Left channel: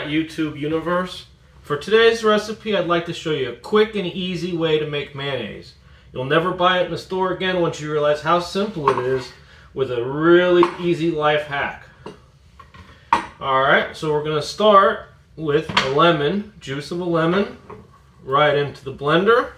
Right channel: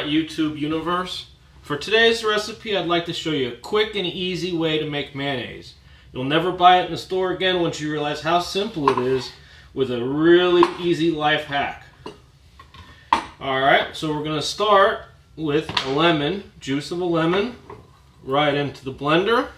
Alright, YouTube universe. For today's recipe, I'd like to show you a quick and easy way to make mayonnaise. You'll never buy it in the store again once you realize how simple it is with a really easy life hack. Alright, so we're going to start with a lemon, juice of a lemon, right into the blender.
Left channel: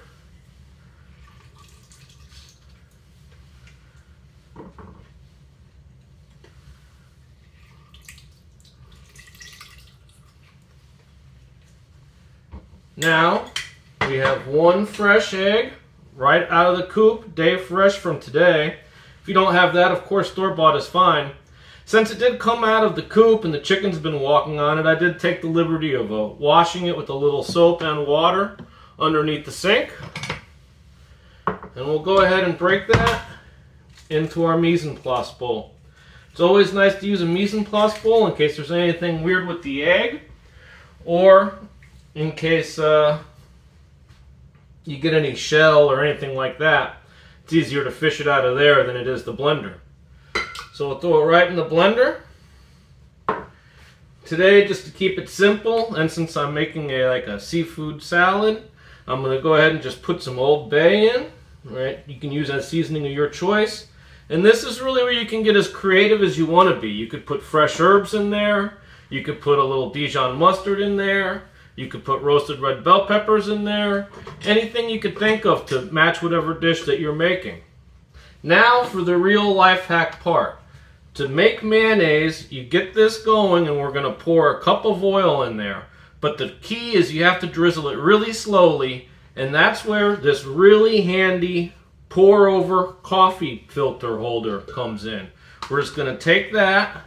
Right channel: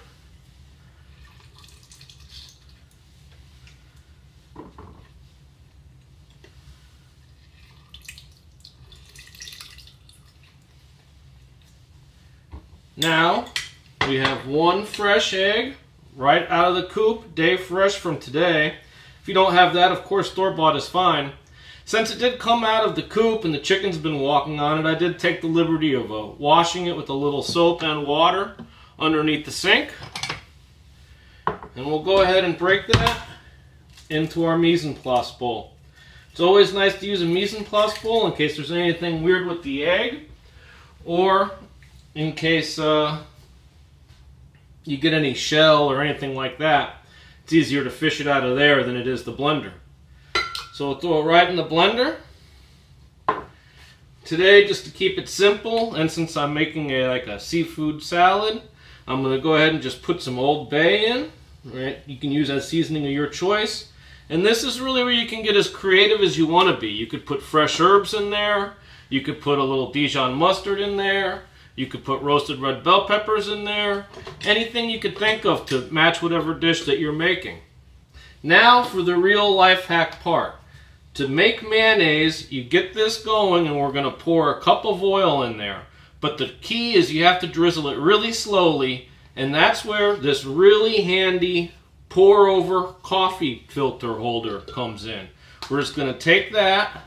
Now, we have one fresh egg right out of the coop, day fresh from today. If you don't have that, of course, store-bought is fine. Since it did come out of the coop and the chicken's been walking on it, I did take the liberty of washing it with a little soap and water underneath the sink. And we'll go ahead and break that into our mise en place bowl. It's always nice to use a mise en place bowl in case there's anything weird with the egg, or in case you get any shell or anything like that. It's easier to fish it out of there than it is the blender. So we'll throw it right in the blender. Today, just to keep it simple, and since I'm making a seafood salad, I'm going to go ahead and just put some Old Bay in. Right? You can use that seasoning of your choice. And this is really where you can get as creative as you want to be. You could put fresh herbs in there. You could put a little Dijon mustard in there. You could put roasted red bell peppers in there. Anything you could think of to match whatever dish that you're making. Now for the real life hack part. To make mayonnaise, you get this going and we're going to pour a cup of oil in there. But the key is you have to drizzle it really slowly, and that's where this really handy pour over coffee filter holder comes in. We're just going to take that,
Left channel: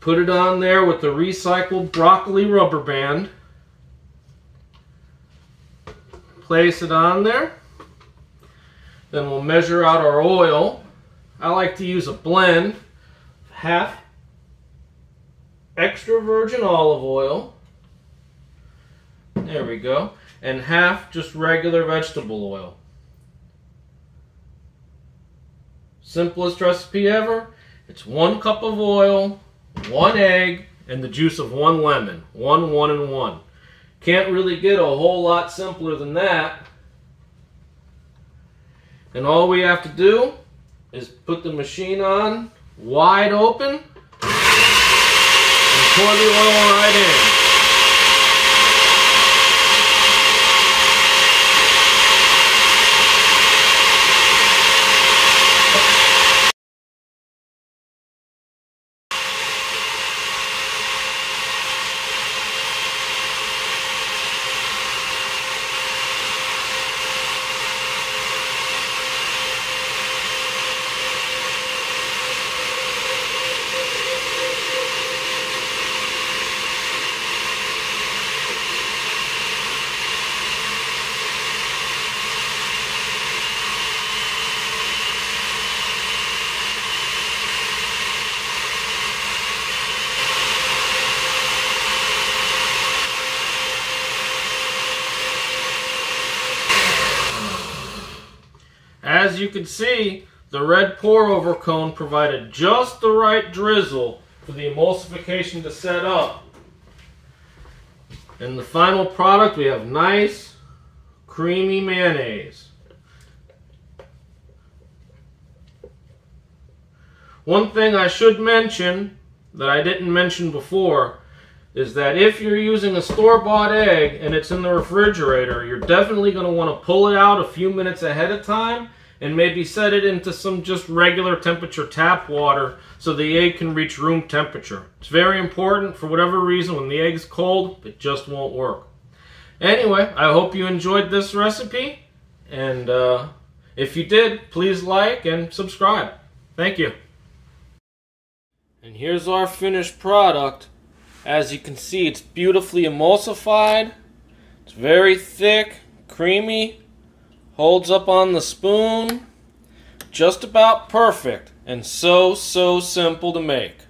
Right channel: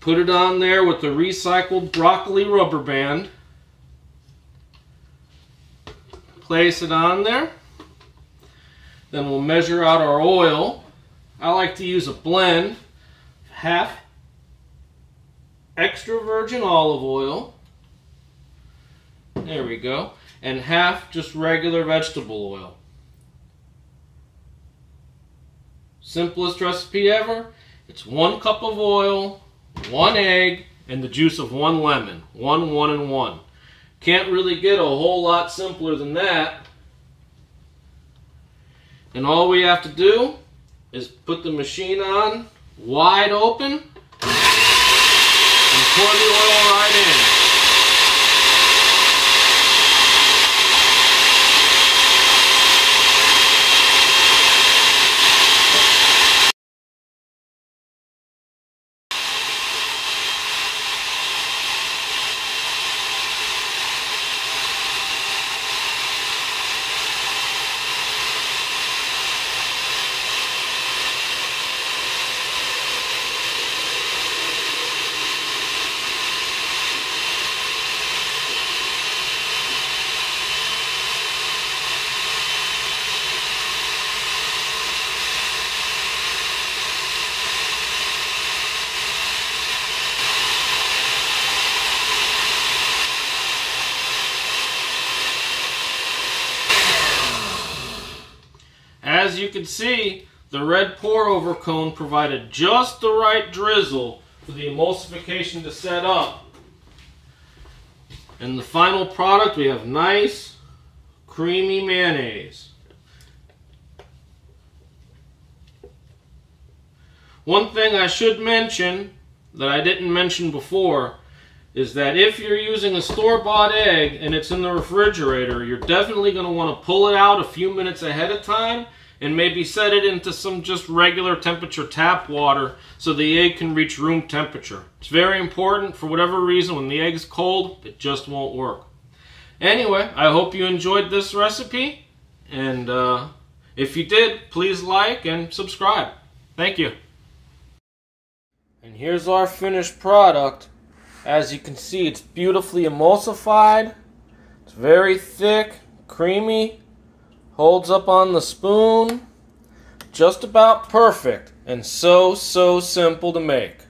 put it on there with the recycled broccoli rubber band. Place it on there. Then we'll measure out our oil. I like to use a blend. Half extra virgin olive oil. There we go. And half just regular vegetable oil. Simplest recipe ever. It's 1 cup of oil, 1 egg, and the juice of 1 lemon. 1, 1, and 1. Can't really get a whole lot simpler than that. And all we have to do is put the machine on wide open and pour the oil right in. As you can see, the red pour-over cone provided just the right drizzle for the emulsification to set up. In the final product, we have nice, creamy mayonnaise. One thing I should mention that I didn't mention before is that if you're using a store-bought egg and it's in the refrigerator, you're definitely going to want to pull it out a few minutes ahead of time and maybe set it into some just regular temperature tap water so the egg can reach room temperature. It's very important. For whatever reason, when the egg's cold, it just won't work. Anyway, I hope you enjoyed this recipe, and if you did, please like and subscribe. Thank you. And here's our finished product. As you can see, it's beautifully emulsified. It's very thick, creamy, holds up on the spoon. Just about perfect, and so simple to make.